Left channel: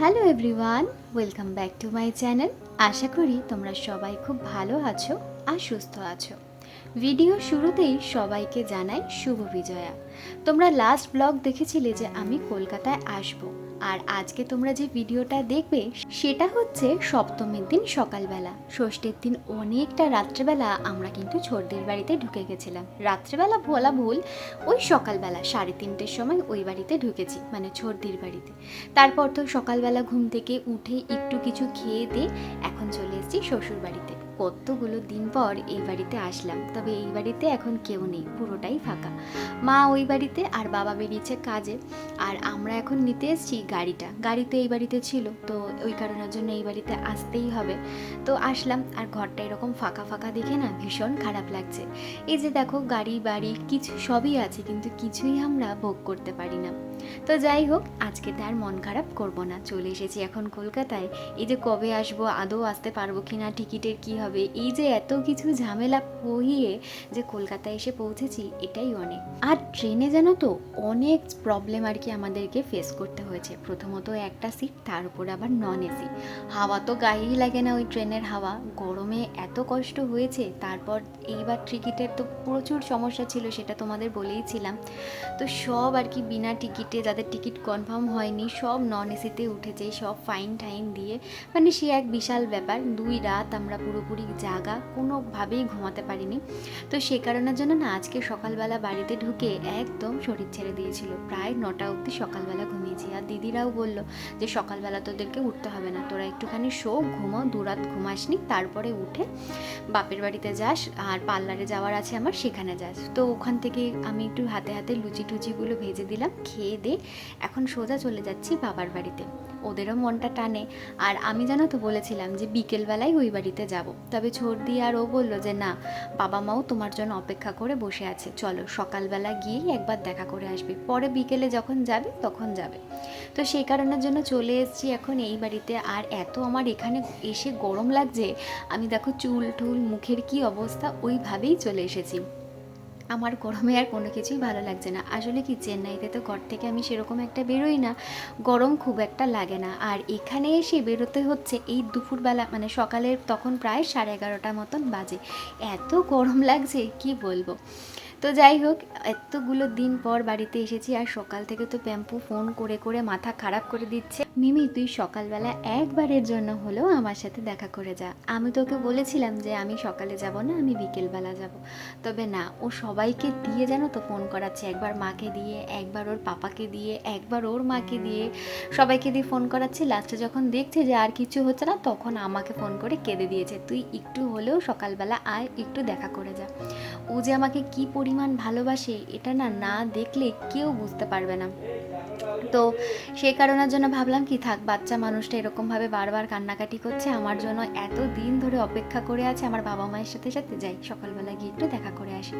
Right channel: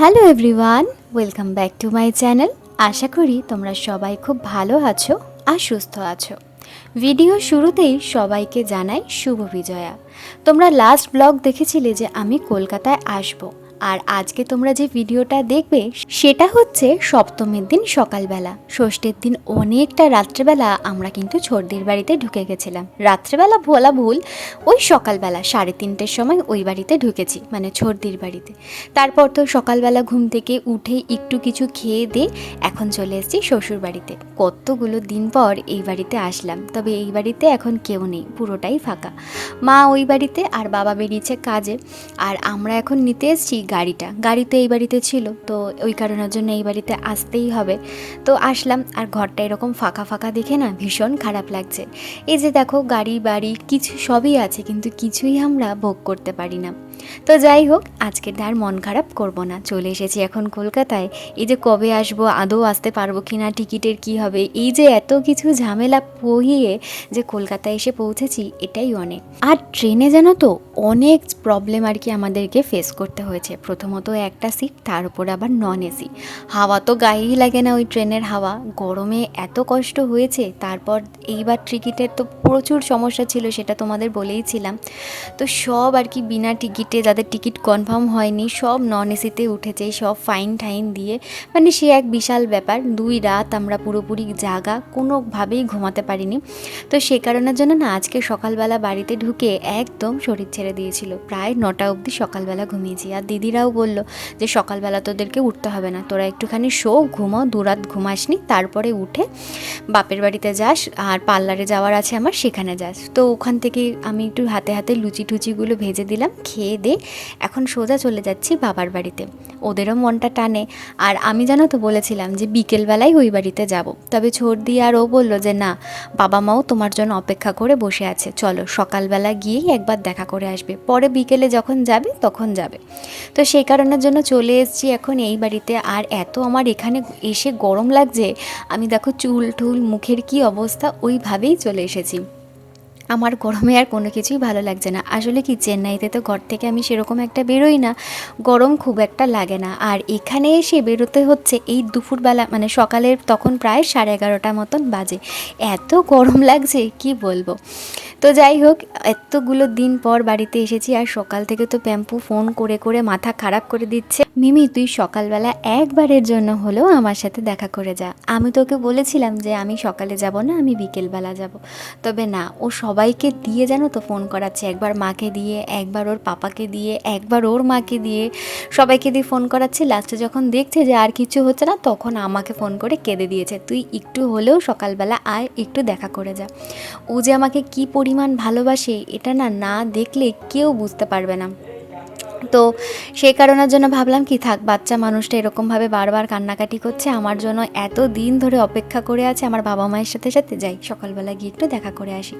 Hello everyone welcome back to my channel আশা করি তোমরা সবাই খুব ভালো আছো আর সুস্থ আছো। ভিডিও শুরুতেই সবাইকে জানাই শুভ বিজয়া। তোমরা লাস্ট ব্লগ দেখেছিলে যে আমি কলকাতায় আসব। আর আজকে তোমরা যে ভিডিওটা দেখবে, সেটা হচ্ছে সপ্তমীর দিন সকালবেলা। ষষ্ঠীর দিন অনেকটা রাত্রেবেলা আমরা কিন্তু ছোটদের বাড়িতে ঢুকে গেছিলাম। রাত্রেবেলা বলা ভুল, ওই সকালবেলা সাড়ে তিনটের সময় ওই বাড়িতে ঢুকেছি মানে ছোটদির বাড়িতে। তারপর তো সকালবেলা ঘুম থেকে উঠে একটু কিছু খেয়ে দিয়ে এখন চলে এসেছি শ্বশুর বাড়িতে। কতগুলো দিন পর এই বাড়িতে আসলাম, তবে এই বাড়িতে এখন কেউ নেই, পুরোটাই ফাঁকা। মা ওই বাড়িতে আর বাবা বেরিয়েছে কাজে, আর আমরা এখন নিতে এসেছি গাড়িটা। গাড়ি তো এই বাড়িতে ছিল, তো ওই কারণের জন্য এই বাড়িতে আসতেই হবে। তো আসলাম, আর ঘরটা এরকম ফাঁকা ফাঁকা দেখে না ভীষণ খারাপ লাগছে। এই যে দেখো, গাড়ি, বাড়ি, কিছু সবই আছে, কিন্তু কিছুই আমরা ভোগ করতে পারি না। তো যাই হোক, আজকে আর মন খারাপ করব না। চলে এসেছি এখন কলকাতায়। এই যে কবে আসব, আদৌ আসতে পারব কি না টিকিটের কি হবে, এই যে এত কিছু ঝামেলা পহিয়ে যে কলকাতায় এসে পৌঁছেছি, এটাই অনেক। আর ট্রেনে জানো তো, অনেক প্রবলেম আর কি আমাদেরকে ফেস করতে হয়েছে। প্রথমত একটা সিট তার উপর আবার নন এসি হাওয়া তো গায়েই লাগে না ওই ট্রেনের হাওয়া। গরমে এত কষ্ট হয়েছে, তারপর এইবার টিকিটের তো প্রচুর সমস্যা ছিল, সেটা তোমাদের বলেইছিলাম। তো সব আর কি বিনা টিকিটে যাদের টিকিট কনফার্ম হয়নি, সব নন এসিতে উঠেছে, সব ফাইন টাইন দিয়ে। মানে সে এক বিশাল ব্যাপার, দুই রাত আমরা পুরোপুরি জাগা, কোনোভাবেই ঘুমাতে পারিনি। তো সে কারণের জন্য না, আজকে সকালবেলা বাড়িতে ঢুকে একদম শরীর ছেড়ে দিয়েছিল। প্রায় নটা অবধি সকালবেলা ঘুমিয়েছি। আর দিদিরাও বলল যে, সকালবেলা তোদেরকে উঠতে হবে না। তোরা একটুখানি শো, ঘুমো, দু রাত ঘুমাসনি, তারপরে উঠে বাপের বাড়িতে যাস। আর পার্লারে যাওয়ার আছে আমার, সেখানে যাস। তো ওখান থেকে আমি একটু হাতে হাতে লুচি টুচিগুলো ভেজে দিলাম, খেয়ে দে এখন সোজা চলে যাচ্ছি বাবার বাড়িতে। ওদেরও মনটা টানে। আর আমি জানো তো বলেছিলাম যে বিকেলবেলায় ওই বাড়িতে যাব। তবে ছর্দি আর ও বলল যে না, বাবা মাও তোমার জন্য অপেক্ষা করে বসে আছে। চলো, সকালবেলা গিয়েই একবার দেখা করে আসবে। পরে বিকেলে যখন যাবে, তখন যাবে। তো সেই কারণের জন্য চলে এসেছি এখন এই বাড়িতে। আর এত আমার এখানে এসে গরম লাগছে, আমি দেখো চুল টুল মুখের কি অবস্থা, ওইভাবেই চলে এসেছি। আমার গরমে আর কোনো কিছুই ভালো লাগছে না। আসলে কি, চেন্নাইতে তো ঘর থেকে আমি সেরকম একটা বেরোই না। গরম খুব একটা লাগে না। আর এখানে এসে বেরোতে হচ্ছে এই দুপুরবেলা মানে সকালের তখন প্রায় সাড়ে এগারোটা মতন বাজে। এত গরম লাগছে, কি বলব? তো যাই হোক, এতগুলো দিন পর বাড়িতে এসেছি আর সকাল থেকে তো প্যাম্পু ফোন করে করে মাথা খারাপ করে দিচ্ছে। মিমি, তুই সকালবেলা একবারের জন্য হলেও আমার সাথে দেখা করে যা। আমি তোকে বলেছিলাম যে আমি সকালে যাব না, আমি বিকেলবেলা যাব। তবে না, ও সবাইকে দিয়ে জানো তো ফোন করাচ্ছে। একবার মাকে দিয়ে, একবার ওর পাপাকে দিয়ে, একবার ওর মাকে দিয়ে সবাইকে দিয়ে ফোন করাচ্ছে। লাস্টে যখন দেখছে যে আর কিছু হচ্ছে না, তখন আমাকে ফোন করে কেঁদে দিয়েছে। তুই একটু হলেও সকালবেলা আয়, একটু দেখা করে যা। ও যে আমাকে কি পরিমাণ ভালোবাসে, এটা না না দেখলে কেউ বুঝতে পারবে না। তো সেই কারণের জন্য ভাবলাম, কি থাক, বাচ্চা মানুষটা এরকমভাবে বারবার কান্নাকাটি করছে, আমার জন্য এত দিন ধরে অপেক্ষা করে আছে, আমার বাবা মায়ের সাথে সাথে যাই, সকালবেলা গিয়ে একটু দেখা করে আসি।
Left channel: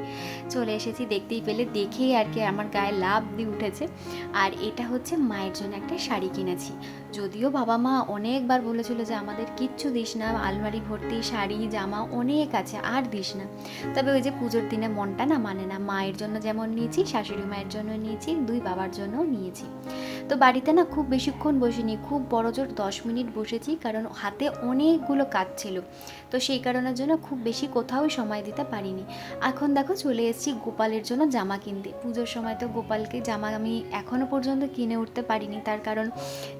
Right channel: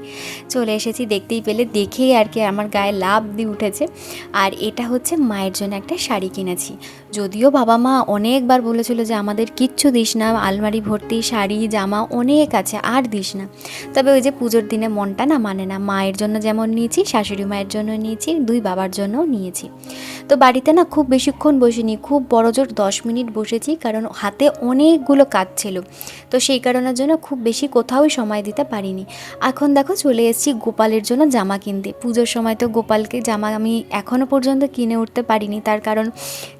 চলে এসেছি, দেখতেই পেলে, দেখেই আর কি আমার গায়ে লাভ দিয়ে উঠেছে। আর এটা হচ্ছে মায়ের জন্য একটা শাড়ি কিনেছি। যদিও বাবা মা অনেকবার বলেছিল যে, আমাদের কিচ্ছু দিস না, আলমারি ভর্তি, শাড়ি, জামা অনেক আছে, আর দিস না। তবে ওই যে পুজোর দিনে মনটা না মানে না, মায়ের জন্য যেমন নিয়েছি, শাশুড়ি মায়ের জন্য নিয়েছি, দুই বাবার জন্যও নিয়েছি। তো বাড়িতে না খুব বেশিক্ষণ বসিনি, খুব বড় জোর দশ মিনিট বসেছি কারণ হাতে অনেকগুলো কাজ ছিল। তো সেই কারণের জন্য খুব বেশি কোথাও সময় দিতে পারিনি। এখন দেখো চলে এসেছি গোপালের জন্য জামা কিনতে। পুজোর সময় তো গোপালকে জামা আমি এখনও পর্যন্ত কিনে উঠতে পারিনি। তার কারণ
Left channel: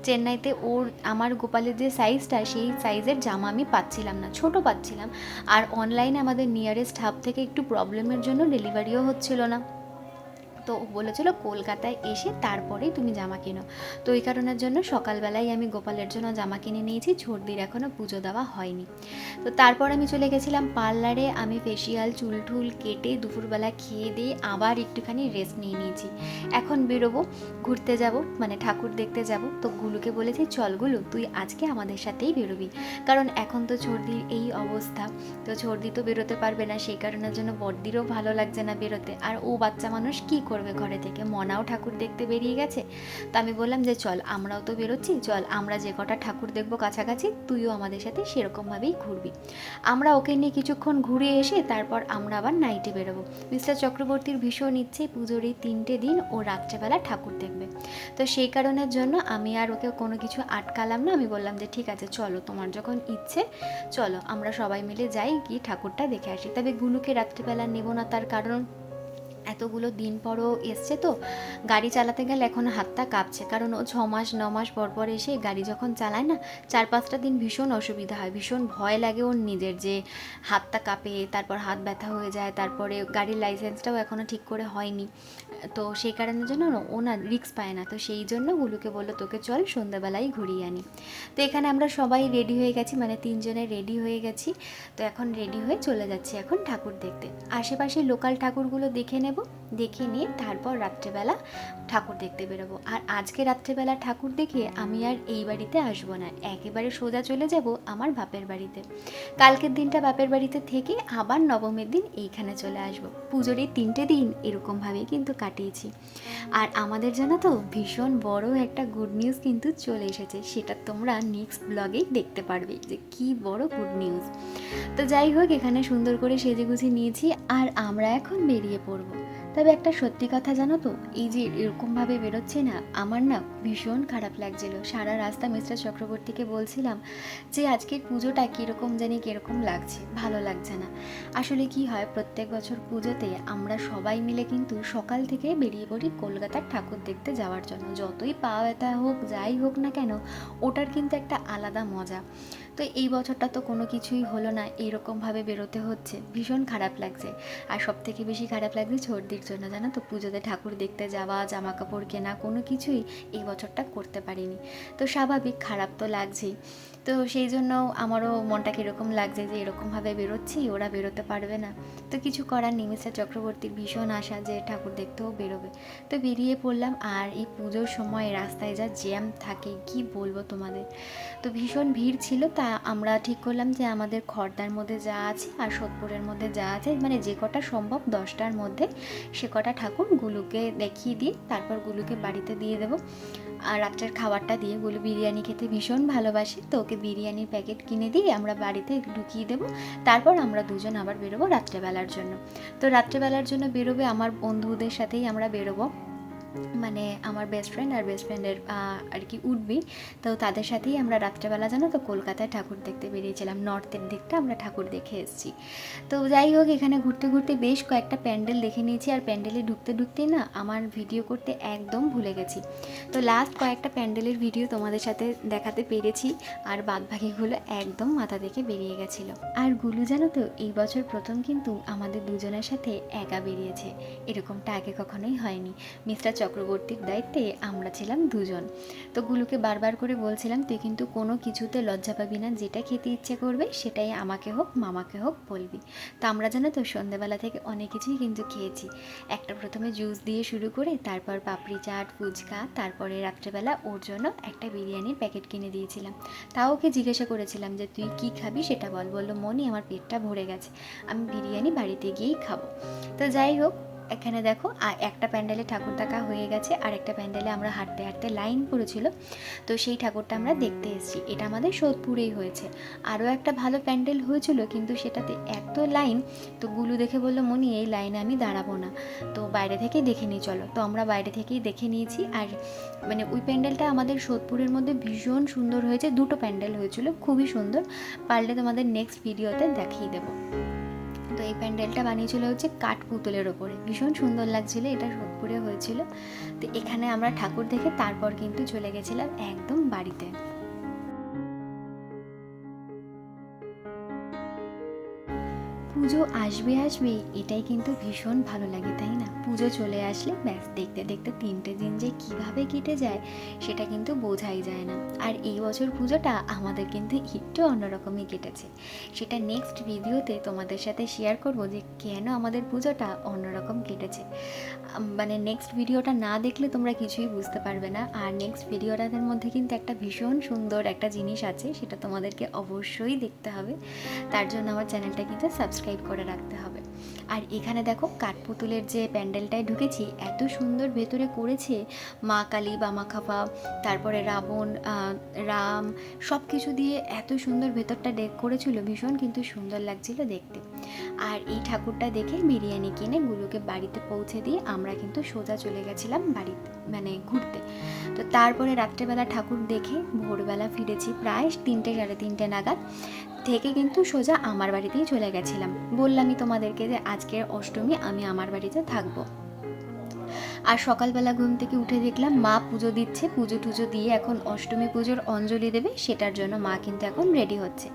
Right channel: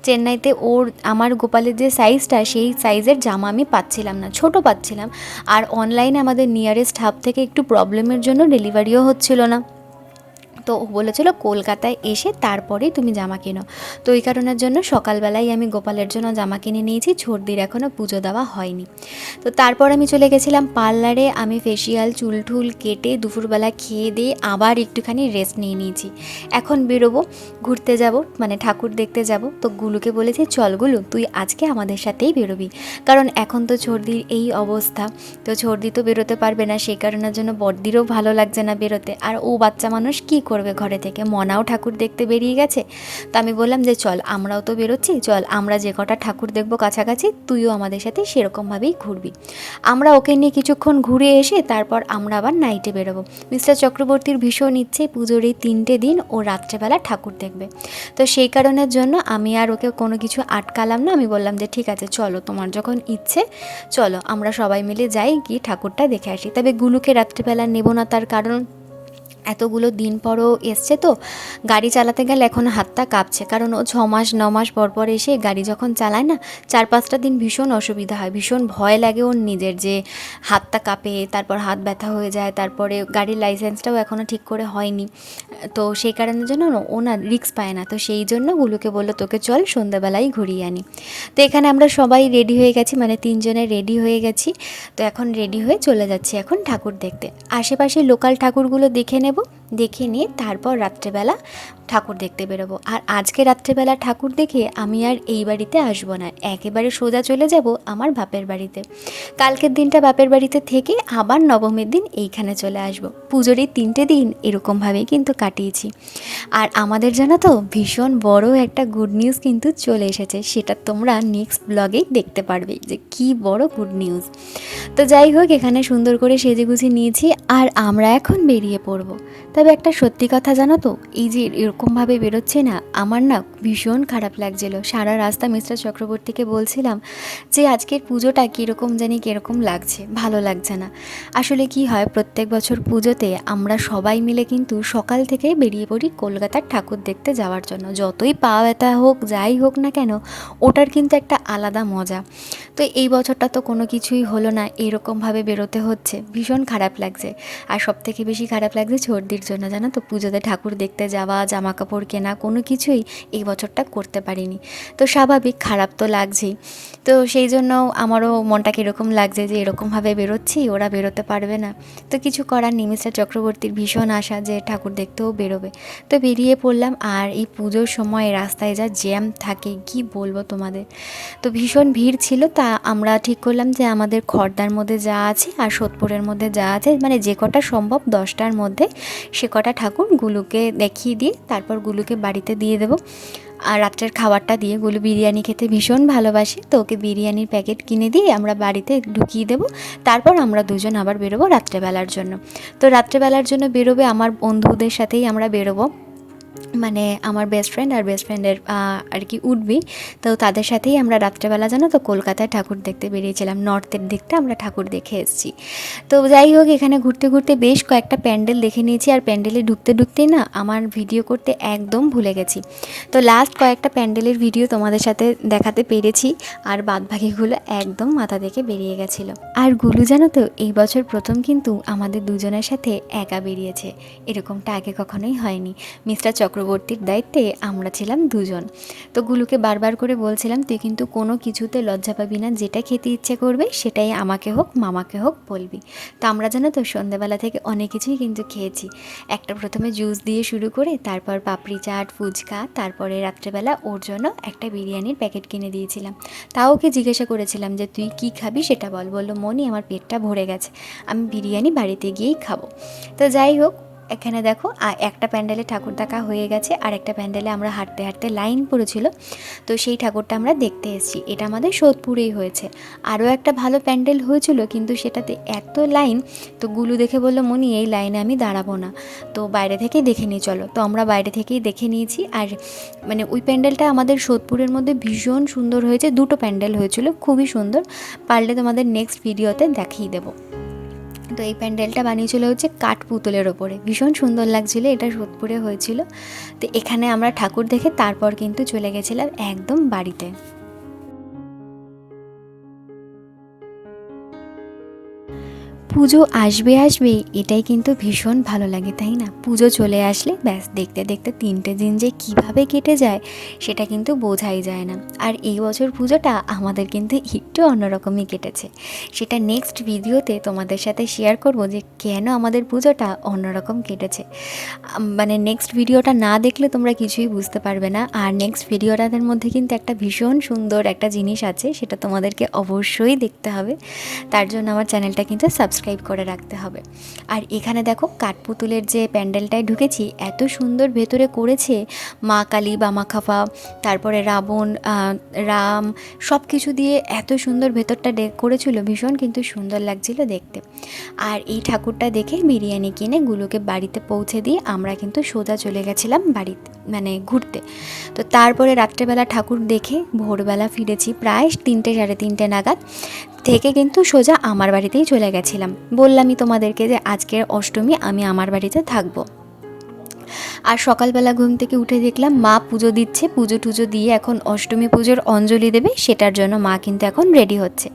চেন্নাইতে ওর, আমার গোপালের যে সাইজটা সেই সাইজের জামা আমি পাচ্ছিলাম না, ছোট পাচ্ছিলাম। আর অনলাইনে আমাদের নিয়ারেস্ট হাব থেকে একটু প্রবলেমের জন্য ডেলিভারিও হচ্ছিল না। তো বলেছিল, কলকাতায় এসে তারপরেই তুমি জামা কেনো। তো এই কারণের জন্য সকালবেলায় আমি গোপালের জন্য জামা কিনে নিয়েছি ছোটদির এখনও পুজো দেওয়া হয়নি। তো তারপর আমি চলে গেছিলাম পার্লারে, আমি ফেসিয়াল চুল টুল কেটে দুপুরবেলা খেয়ে দিয়ে আবার একটুখানি রেস্ট নিয়ে নিয়েছি। এখন বেরোবো, ঘুরতে যাব মানে ঠাকুর দেখতে যাব। তো গুলুকে বলেছি, চল গুলু, তুই আজকে আমাদের সাথেই বেরোবি। কারণ এখন তো ছর্দির এই অবস্থা, তো ছর্দি তো বেরোতে পারবে না, সেই কারণের জন্য বড়দিরও ভালো লাগছে না বেরোতে। আর ও বাচ্চা মানুষ কী করবে? করবে ঘরে থেকে মনাও ঠাকুর দেখতে বেরিয়ে গেছে। তো আমি বললাম যে, চল, আমরাও তো বেরোচ্ছি, চল, আমরা যে কটা ঠাকুর দেখব কাছাকাছি, তুইও আমাদের সাথে সেরকমভাবেই ঘুরবি। আমরা ওকে নিয়ে কিছুক্ষণ ঘুরে এসে তারপর আমরা আবার নাইটে বেরোবো। মিস্টার চক্রবর্তীর ভীষণ ইচ্ছে পুজোর এই তিনটে দিন ও রাত্রেবেলা ঠাকুর দেখবে। তো সেই কারণের জন্য আমি আর ওকে কোনো কিছু আটকালাম না। আমি বললাম যে, ঠিক আছে, চলো, তোমার যখন ইচ্ছে, চলো, আমরা সবাই মিলে যাই গিয়ে ঠাকুরটা দেখে আসি। তবে গুলুকে রাত্রিবেলা নেব না তার কারণ এতগুলো দিন পরও এসছে তো, গাড়ি চালাতে গেলে এখন হাতটা কাঁপছে। কারণ ও ছ মাস ন মাস পর পর এসে গাড়ি যখন চালায় না, চার পাঁচটা দিন ভীষণ অসুবিধা হয়, ভীষণ ভয় লাগে ওর নিজের যে হাতটা কাঁপে, তারপর হাত ব্যথা হয়ে যায়, তারপরে গাড়ির লাইসেন্সটাও এখনও ঠিক করে হয়নি। তো সেই কারণের জন্য ও না রিক্স পায় না, তো সেই জন্য গুলুকে বলল, তোকে চল সন্ধ্যাবেলায় ঘুরিয়ে আনি। তো এখানে আমরা সবাই রেডি হয়ে গেছি মানে তিনজনে রেডি হয়ে গেছি। তো এখন রেডি হয়ে চলে যাচ্ছি এখন ঠাকুর দেখতে। আশেপাশে লোকাল ঠাকুরগুলো দেখে নেব 하고 দেখে নিয়ে তারপর রাত্রেবেলা ঠাকুর দেখতে বেরোবো। আর আজকে রাত্রেবেলা ঠাকুর দেখে আমি আর এই বাড়িতে আসব না। একেবারে সোজা চলে যাব আমার বাপের বাড়িতে। কালকের দিনটা বাপের বাড়িতে থেকে আবার নবমীর দিন এইখানে চলে আসব। পুজোর এই তিনটে দিন এরকমভাবেই কিন্তু কাটিয়েছি। আর আমাদের জানো তো, ভীষণ বড় একটা গুড নিউজ কিন্তু চলে এসেছে। সেটা তোমরা নেক্সট ব্লগেই দেখতে পারবে যে কি বড় গুড নিউজ তো যাই হোক, এখানে সুন্দর করে সেজে গুছে নিয়েছি আর আমরা এখন বেরিয়ে পড়ব। তবে একটা সত্যি কথা জানো তো, এই যে এরকমভাবে বেরোচ্ছে না, আমার না ভীষণ খারাপ লাগছিল। সারা রাস্তা মিস্টার চক্রবর্তীকে বলছিলাম যে, আজকের পুজোটা কীরকম জানি কীরকম লাগছে, ভালো লাগছে না। আসলে কি হয়, প্রত্যেক বছর পুজোতে আমরা সবাই মিলে কিন্তু সকাল থেকেই বেরিয়ে পড়ি কলকাতার ঠাকুর দেখতে যাওয়ার জন্য। যতই পা ব্যথা হোক, যাই হোক না কেন, ওটার কিন্তু একটা আলাদা মজা। তো এই বছরটা তো কোনো কিছুই হলো না, এরকমভাবে বেরোতে হচ্ছে, ভীষণ খারাপ লাগছে। আর সব থেকে বেশি খারাপ লাগছে সর্দির জন্য জানো তো পুজোতে ঠাকুর দেখতে যাওয়া জামা কাপড় কেনা কোনো কিছুই এই বছরটা করতে পারিনি। তো স্বাভাবিক, খারাপ তো লাগছেই। তো সেই জন্য আমারও মনটা কীরকম লাগছে যে এরকমভাবে বেরোচ্ছি, ওরা বেরোতে পারবে না। তো কিছু করার মিস্টার চক্রবর্তীর ভীষণ আশা যে ঠাকুর দেখতেও বেরোবে। তো বেরিয়ে পড়লাম আর এই পুজোর সময় রাস্তায় যা জ্যাম থাকে, কি বলব তোমাদের? তো ভীষণ ভিড় ছিল, তা আমরা ঠিক করলাম যে আমাদের খর্দার মধ্যে যা আছে আর সোদপুরের মধ্যে যা আছে মানে যে কটা সম্ভব দশটার মধ্যে সে কটা ঠাকুর গুলুকে দেখিয়ে দিয়ে তারপর গুলুকে বাড়িতে দিয়ে দেবো। আর রাত্রের খাবারটা দিয়ে গুলু বিরিয়ানি খেতে ভীষণ ভালোবাসে। তো ওকে বিরিয়ানির প্যাকেট কিনে দিয়ে আমরা বাড়িতে ঢুকিয়ে দেবো। তারপর আমরা দুজন আবার বেরোবো রাত্রেবেলার জন্য। তো রাত্রেবেলার জন্য বেরোবে আমার বন্ধুদের সাথেই আমরা বেরোবো। মানে আমার বেস্ট ফ্রেন্ড আর বেস্ট ফ্রেন্ডের আর কি উঠবি। তো তাদের সাথেই আমরা রাত্রেবেলা, জানো তো, কলকাতায় ঠাকুর দেখতে বেরিয়েছিলাম। নর্থের দিকটা আমরা ঠাকুর দেখে এসেছি। তো যাই হোক, এখানে ঘুরতে ঘুরতে বেশ কয়েকটা প্যান্ডেল দেখে নিয়েছি। আর প্যান্ডেলে ঢুকতে, ঢুকতেই না আমার ভিডিও করতে একদম ভুলে গেছি। তো লাস্ট কয়েকটা প্যান্ডেলের ভিডিও তোমাদের সাথে দেখাতে পেরেছি। আর বাদবাকিগুলো একদম মাথা থেকে বেরিয়ে গেছিল। আর গুলু, জানো তো, এই বছর প্রথম কিন্তু আমাদের দুজনের সাথে একা বেরিয়েছে। এরকমটা আগে কখনোই হয়নি। মিস্টার চক্রবর্তীর দায়িত্বে আমরা ছিলাম দুজন। তো গুলুকে বারবার করে বলছিলাম, তুই কিন্তু কোনো কিছুতে লজ্জা পাবি না, যেটা খেতে ইচ্ছে করবে সেটাই আমাকে হোক, মামাকে হোক বলবি। তো আমরা জানো তো সন্ধ্যাবেলা থেকে অনেক কিছুই কিন্তু খেয়েছি। একটা প্রথমে জুস দিয়ে শুরু করে তারপর পাপড়ি চাট, ফুচকা, তারপরে রাত্রেবেলা ওর জন্য একটা বিরিয়ানির প্যাকেট কিনে দিয়েছিলাম। তাও ওকে জিজ্ঞাসা করেছিলাম যে, তুই কি খাবি সেটা বল? বলল, মনি, আমার পেটটা ভরে গেছে, আমি বিরিয়ানি বাড়িতে গিয়েই খাব। তো যাই হোক এখানে দেখো একটা প্যান্ডেলে ঠাকুর দেখা হয়ে গেছে, আর একটা প্যান্ডেলে আমরা হাঁটতে হাঁটতে লাইন পড়েছিল। তো সেই ঠাকুরটা আমরা দেখতে এসেছি। এটা আমাদের সোদপুরেই হয়েছে। আরও একটা ভালো প্যান্ডেল হয়েছিল, কিন্তু সেটাতে এত লাইন, তো গুলু দেখে বলল, মনি, এই লাইনে আমি দাঁড়াবো না। তো বাইরে থেকেই দেখে নিই চলো। তো আমরা বাইরে থেকেই দেখে নিয়েছি, আর মানে ওই প্যান্ডেলটা আমাদের সোদপুরের মধ্যে ভীষণ সুন্দর হয়েছে। দুটো প্যান্ডেল হয়েছিল, খুবই সুন্দর। পারলে তোমাদের নেক্সট ভিডিওতে দেখিয়ে দেবো। তো এই প্যান্ডেলটা বানিয়েছিল হচ্ছে কাঠ পুতুলের ওপরে। ভীষণ সুন্দর লাগছিল, এটা সোদপুরে হয়েছিল। তো এখানে আমরা ঠাকুর দেখে তারপর কিন্তু চলে গেছিলাম একদম বাড়িতে। পুজো আসবে আসবে এটাই কিন্তু ভীষণ ভালো লাগে, তাই না? পুজো চলে আসলে ব্যাস, দেখতে দেখতে তিনটে দিন যে কীভাবে কেটে যায়, সেটা কিন্তু বোঝাই যায় না। আর এই বছর পুজোটা আমাদের কিন্তু একটু অন্যরকমই কেটেছে। সেটা নেক্সট ভিডিওতে তোমাদের সাথে শেয়ার করব যে কেন আমাদের পুজোটা অন্যরকম কেটেছে। মানে নেক্সট ভিডিওটা না দেখলে তোমরা কিছুই বুঝতে পারবে না। আর নেক্সট ভিডিওটাদের মধ্যে কিন্তু একটা ভীষণ সুন্দর একটা জিনিস আছে, সেটা তোমাদেরকে অবশ্যই দেখতে হবে। তার জন্য আমার চ্যানেলটা কিন্তু সাবস্ক্রাইব সাবস্ক্রাইব করে রাখতে হবে। আর এখানে দেখো কাঠপুতুলের যে প্যান্ডেলটায় ঢুকেছি, এত সুন্দর ভেতরে করেছে মা কালী বামা খাফা তারপরে রাবণ রাম সব কিছু দিয়ে এত সুন্দর ভেতরটা করেছিল ভীষণ কিন্তু সুন্দর লাগছিল দেখতে। আর এই ঠাকুরটা দেখে বিরিয়ানি কিনে গুলোকে বাড়িতে পৌঁছে দিয়ে আমরা কিন্তু সোজা চলে গেছিলাম বাড়িতে মানে ঘুরতে। তো তারপরে রাত্রেবেলা ঠাকুর দেখে ভোরবেলা ফিরেছি প্রায় তিনটে, সাড়ে তিনটে নাগাদ, থেকে কিন্তু সোজা আমার বাড়িতেই চলে গেছিলাম। বললামই তোমাদেরকে যে আজকের অষ্টমী আমি আমার বাড়িতে থাকব। আর সকালবেলা ঘুম থেকে উঠে দেখলাম মা পুজো দিচ্ছে। পুজো টুজো দিয়ে এখন অষ্টমী পুজোর অঞ্জলি দেবে, সেটার জন্য মা কিন্তু এখন রেডি হচ্ছে।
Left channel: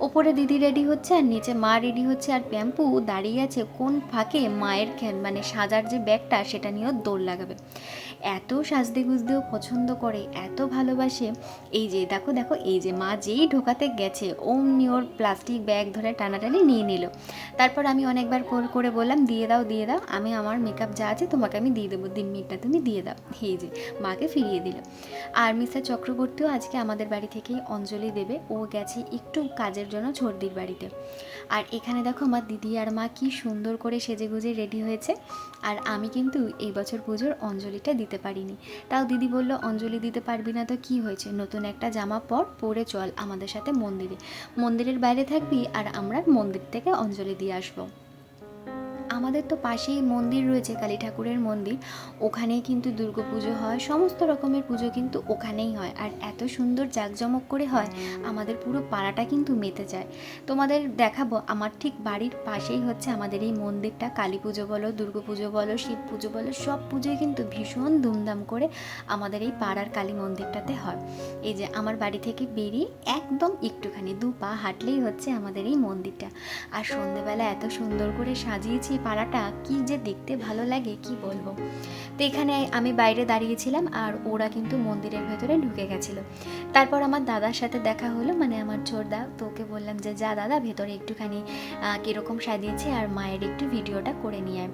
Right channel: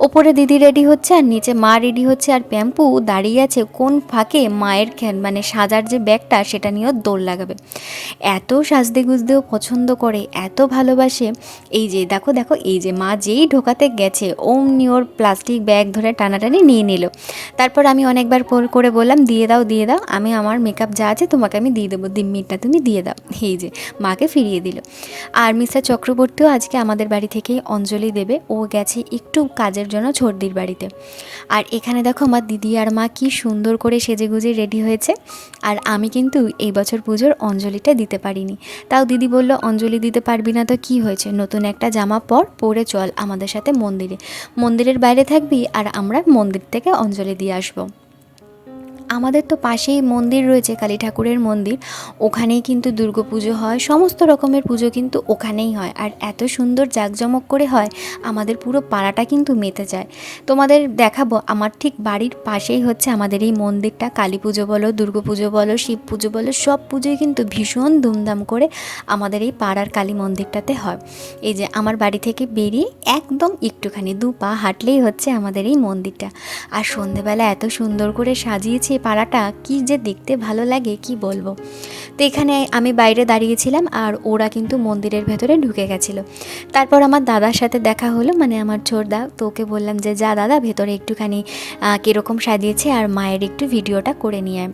ওপরে দিদি রেডি হচ্ছে আর নিচে মা রেডি হচ্ছে। আর প্যাম্পু দাঁড়িয়ে আছে কোন ফাঁকে মায়ের মানে সাজার যে ব্যাগটা, সেটা নিয়েও দৌড় লাগাবে। এত সাজতে গুজতেও পছন্দ করে, এত ভালোবাসে। এই যে দেখো দেখো, এই যে মা যেই ঢোকাতে গেছে, অমনি ওর প্লাস্টিক ব্যাগ ধরে টানাটানি নিয়ে নিল। তারপর আমি অনেকবার করে বললাম, দিয়ে দাও দিয়ে দাও, আমি আমার মেকআপ যা আছে তোমাকে আমি দিয়ে দেবো। দিম্মিটা তুমি দিয়ে দাও। এই যে, মাকে ফিরিয়ে দিল। আর মিস্টার চক্রবর্তীও আজকে আমাদের বাড়ি থেকেই অঞ্জলি দেবে। ও গেছে একটু কাজের জন্য ছর্দির বাড়িতে। আর এখানে দেখো আমার দিদি আর মা কি সুন্দর করে সেজে গুজে রেডি হয়েছে। আর আমি কিন্তু এই বছর পুজোর অঞ্জলিটা দিতে পারিনি। তাও দিদি বলল, অঞ্জলি দিতে পারবি না তো কি হয়েছে? নতুন একটা জামা পর পরে চল আমাদের সাথে মন্দিরে। মন্দিরের বাইরে থাকবি আর আমরা মন্দির থেকে অঞ্জলি দিয়ে আসব। আমাদের তো পাশেই মন্দির রয়েছে, কালী ঠাকুরের মন্দির। ওখানেই কিন্তু দুর্গা পুজো হয়, সমস্ত রকমের পুজো কিন্তু ওখানেই হয়। আর এত সুন্দর জাঁকজমক করে হয়, আমাদের পুরো পাড়াটা কিন্তু মেতে যায়। তোমাদের দেখাবো, আমার ঠিক বাড়ির পাশেই হচ্ছে আমাদের এই মন্দিরটা। কালী পুজো বলো, দুর্গা পুজো বলো, শিব পুজো বলো, সব পুজোই কিন্তু ভীষণ ধুমধাম করে আমাদের এই পাড়ার কালী মন্দিরটাতে হয়। এই যে আমার বাড়ি থেকে বেরিয়ে একদম একটুখানি দু পা হাঁটলেই হচ্ছে আমাদের এই মন্দিরটা। আর সন্ধেবেলা এত সুন্দর করে সাজিয়েছে এই পাড়াটা কি যে দেখতে ভালো লাগে, কি বলব তো এখানে আমি বাইরে দাঁড়িয়েছিলাম আর ওরা কিন্তু মন্দিরের ভেতরে ঢুকে গেছিল তারপর আমার দাদার সাথে দেখা হলো মানে আমার ছোটদা তো ওকে বললাম যে, যা দাদা, ভেতরে একটুখানি কীরকম সাজিয়েছে আর মায়ের একটু ভিডিওটা করে নিয়ে।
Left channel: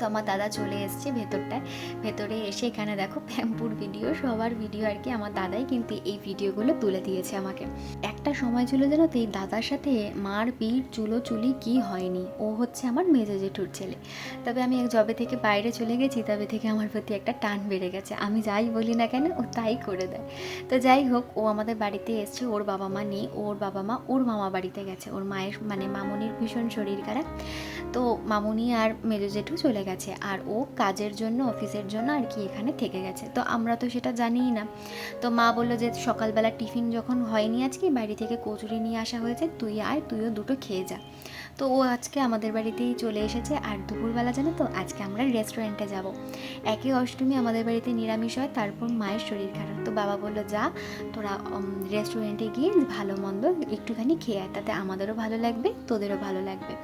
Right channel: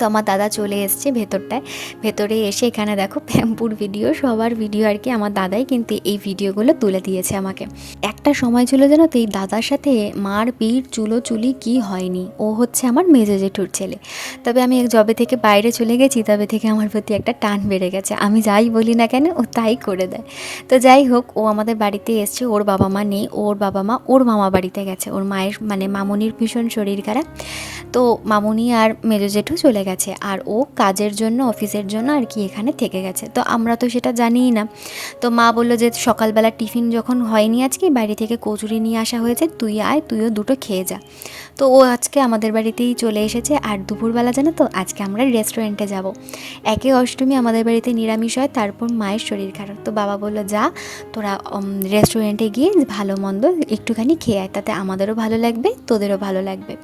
তো আমার দাদা চলে এসছে ভেতরটায়। ভেতরে এসে এখানে দেখো প্যাম্পুর ভিডিও সবার ভিডিও আর কি আমার দাদাই কিন্তু এই ভিডিওগুলো তুলে দিয়েছে আমাকে। একটা সময় ছিল যেন তো এই দাদার সাথে মার পিঠ, চুলো, চুলি কি হয়নি। ও হচ্ছে আমার মেজো জেঠুর ছেলে। তবে আমি জবে থেকে বাইরে চলে গেছি, তবে থেকে আমার প্রতি একটা টান বেড়ে গেছে। আমি যাই বলি না কেন, ও তাই করে দেয়। তো যাই হোক, ও আমাদের বাড়িতে এসছে, ওর বাবা মা নেই, ওর বাবা মা, ওর মামা বাড়িতে গেছে। ওর মায়ের মানে মামনির ভীষণ শরীর খারাপ। তো মামুনি আর মেজো জেঠু চলে গেছে। আর ও কাজের জন্য, অফিসের জন্য আর কি এখানে থেকে গেছে। তো আমরা তো সেটা জানিই না। তো মা বলল যে সকালবেলা টিফিন যখন হয়নি আজকে বাড়ি থেকে কচুরি নিয়ে আসা হয়েছে, তুই আয়, তুইও দুটো খেয়ে যা। তো ও আজকে আমাদের বাড়িতেই চলে এসেছে। আর দুপুরবেলা জানো তো, আজকে আমরা রেস্টুরেন্টে যাব। একে অষ্টমী আমাদের বাড়িতে নিরামিষ হয়, তারপর মায়ের শরীর খারাপ। তো বাবা বলল, যা, তোরা রেস্টুরেন্টে গিয়ে ভালো মন্দ একটুখানি খেয়ে আয়, তাতে আমাদেরও ভালো লাগবে, তোদেরও ভালো লাগবে।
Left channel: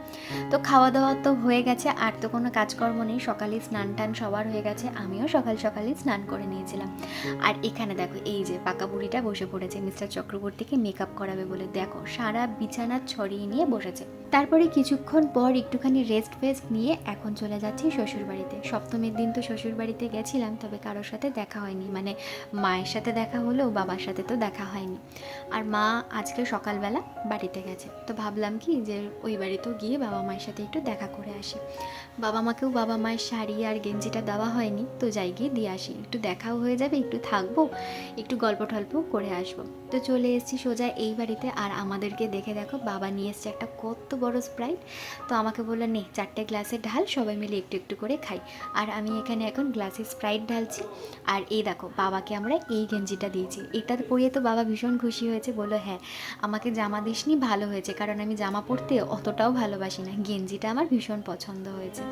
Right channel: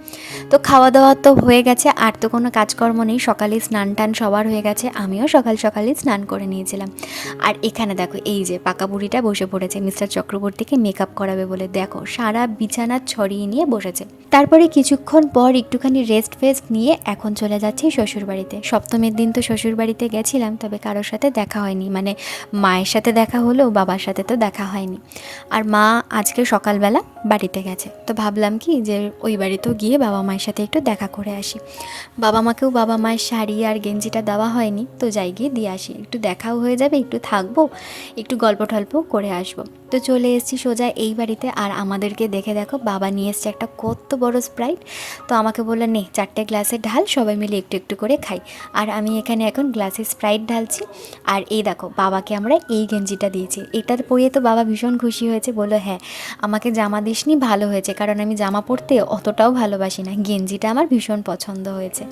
তো খাওয়া দাওয়া তো হয়ে গেছে, আর তো কোনো কাজকর্ম নেই। সকালে স্নান টান সবার হয়ে গেছে, আমিও সকাল সকালে স্নান করে নিয়েছিলাম। আর এখানে দেখো, এই যে পাকা বুড়িটা বসে পড়েছে, মিস্টার চক্রবর্তীকে মেকআপ করাবে বলে। দেখো, সারা বিছানা ছড়িয়ে নিয়ে বসেছে। তারপরে কিছুক্ষণ পর একটুখানি রেস্ট ফেস্ট নিয়ে এখন চলে যাচ্ছি শ্বশুরবাড়িতে। সপ্তমীর দিন তো শ্বশুরবাড়িতে গেছিলাম, তবে কারোর সাথে দেখা হয়নি। মানে মায়ের সাথে দেখা হলেও বাবার সাথে তো দেখা হয়নি। আর মা আজকে সকালবেলা বাড়িতে গেছে। তো ভাবলাম কি যে ওই বাড়িতেও গিয়ে বাবা মায়ের সাথে একটু দেখা করে আসি। বাবা মাকেও বাবা মায়ের শাড়ি আর গেঞ্জিটা দেওয়া হয়নি, তো যাই গিয়ে দিয়ে আসি। একটু দেখাও হয়ে যাবে, একটু থাকব, একটু গল্প টল্প করে আসব। তো চলে এসেছি সোজা এই বাড়িতে। আর আমাদেরকে দেখে দেখো, বাবা নিয়ে এসছে একটা কত বড় স্প্রাইট। তো আমাকে বলল, নে, চারটে গ্লাসে ঢাল সবাই মিলে একটু একটু করে খাই। আর আমি এখানে এখন গ্লাসে স্প্রাইট ঢালছি। আর এই দেখো, বাবাকে আমরা এই গেঞ্জিটা দিয়েছি। এটা পরিয়ে তো বাবা ভীষণ খুশি হয়েছে, বলল হ্যাঁ আমাকে জামা দিসনি, ভালো হয়েছে। কারণ আমি জামা পরতে অতটাও ভালোবাসি না। গেঞ্জিটা আমার ভীষণ পছন্দ হয়েছে।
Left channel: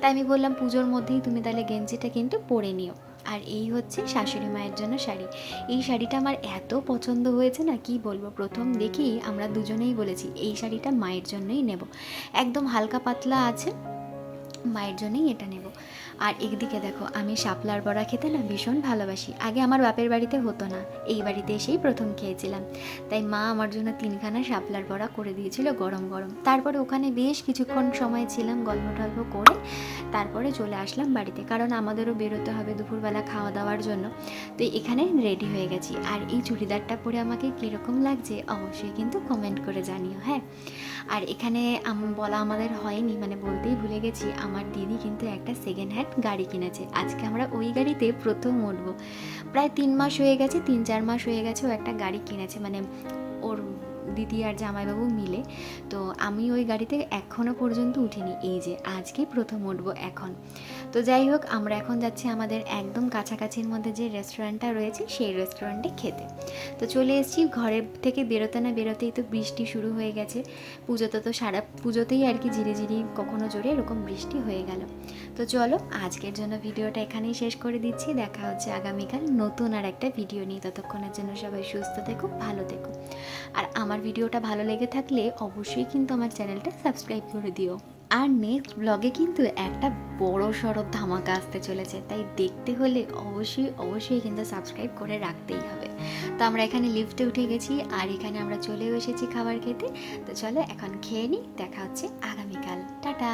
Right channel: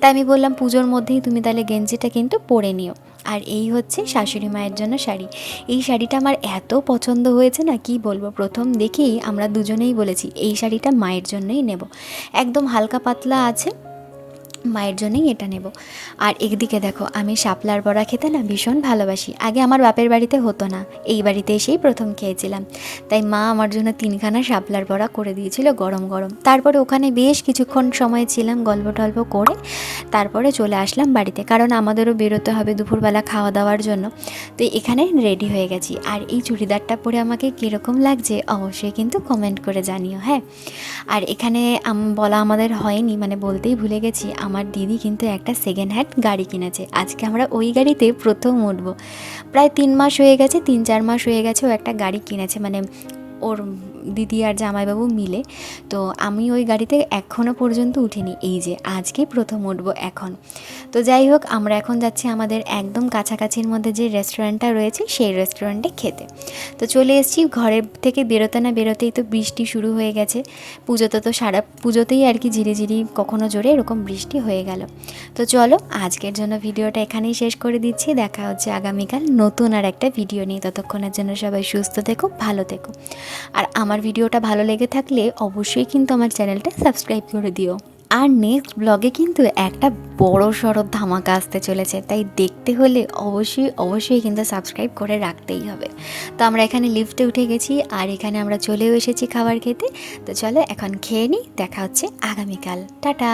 তাই আমি বললাম, পুজোর মধ্যেই তুমি তাহলে গেঞ্জিটা কিন্তু পরে নিও। আর এই হচ্ছে শাশুড়ি মায়ের জন্য শাড়ি। এই শাড়িটা আমার এত পছন্দ হয়েছে না, কি বলব? প্রথম দেখেই আমরা দুজনেই বলেছি, এই শাড়িটা মায়ের জন্যই নেব। একদম হালকা পাতলা আছে মায়ের জন্যই এটা নেব। আর একদিকে দেখো, আমি শাপলার বড়া খেতে না ভীষণ ভালোবাসি। আগে আমার বাপের বাড়িতে হতো না, এই বাড়িতে এসেই প্রথম খেয়েছিলাম। তাই মা আমার জন্য তিনখানা শাপলার বড়া করে দিয়েছিল গরম গরম। তারপরে ওখানে বেশ কিছুক্ষণ সময় ছিলাম গল্প টল্প করে, তারপরে চলে আসলাম বাড়িতে। কারণ আমাদেরও বেরোতে হবে দুপুরবেলা খাওয়া দাওয়ার জন্য। তো এখানে রেডি হয়ে গেছি। আর এই চুড়িদারটা পরে আমাকে কীরকম লাগছে অবশ্যই কিন্তু কমেন্ট করে জানিও হ্যাঁ? আর এখানে বলা আমাদের হয়নি মানে বলতেই ভুলে গেছি আমার দিদি কিন্তু একটা সেকেন্ড হ্যান্ড গাড়ি কিনেছে। আজকে আমরা ওই গাড়িতে প্রথম উঠবো। প্রায় তিন মাস হয়ে গেছে, তিন চার মাস হয়ে গেছে ও একটা গাড়ি কিনেছে। মানে ওর দিদি আর জামাইবাবু মিলে। তো আমি ওই গাড়িতে এখনও পর্যন্ত উঠিনি। এই যে আজকেই প্রথম উঠবো এখন। তো যাই হোক, আমরা এখন যাচ্ছি আমাদের একদম কাছাকাছির মধ্যে যে রেস্টুরেন্টটা রয়েছে, সেই রেস্টুরেন্টে খেতে। তো চলে এসেছি, ঘরের থেকে বেরোতে না বেরোতেই তো বৃষ্টি শুরু হয়ে গেছে। পুজোতে তো সারা, পুজোতেই আর কি ঝিরিঝিরি, কখনো জোরে এরকম বৃষ্টি হয়ে গেল। তো চলো, আজকের জন্য ভিডিওটা এখানেই শেষ করে দিচ্ছি। দেখা হচ্ছে আগামীকাল নতুন আর একটা ভিডিও নিয়ে। ততক্ষণের জন্য সবাই সুস্থ থেকো, ভালো থেকো। আর আমার ভিডিওটা ভালো লেগে থাকলে অবশ্যই কিন্তু আমার চ্যানেলটা সাবস্ক্রাইব করে দিও। আর নেক্সট ব্লগে কিন্তু একটা বড় সড়ো ধামাকা আসতে চলেছে, তাই দেখতে হলে অবশ্যই অবশ্যই কিন্তু সাবস্ক্রাইব করে রাখতেই হবে। তো আমরা এখানে লিফটে উঠে গেছি, আর এখানে আমরা চলেও এসেছি খাবার খেতে। তো চলো এখন খেয়ে নিই, দেখা হচ্ছে আগামীকাল। টাটা!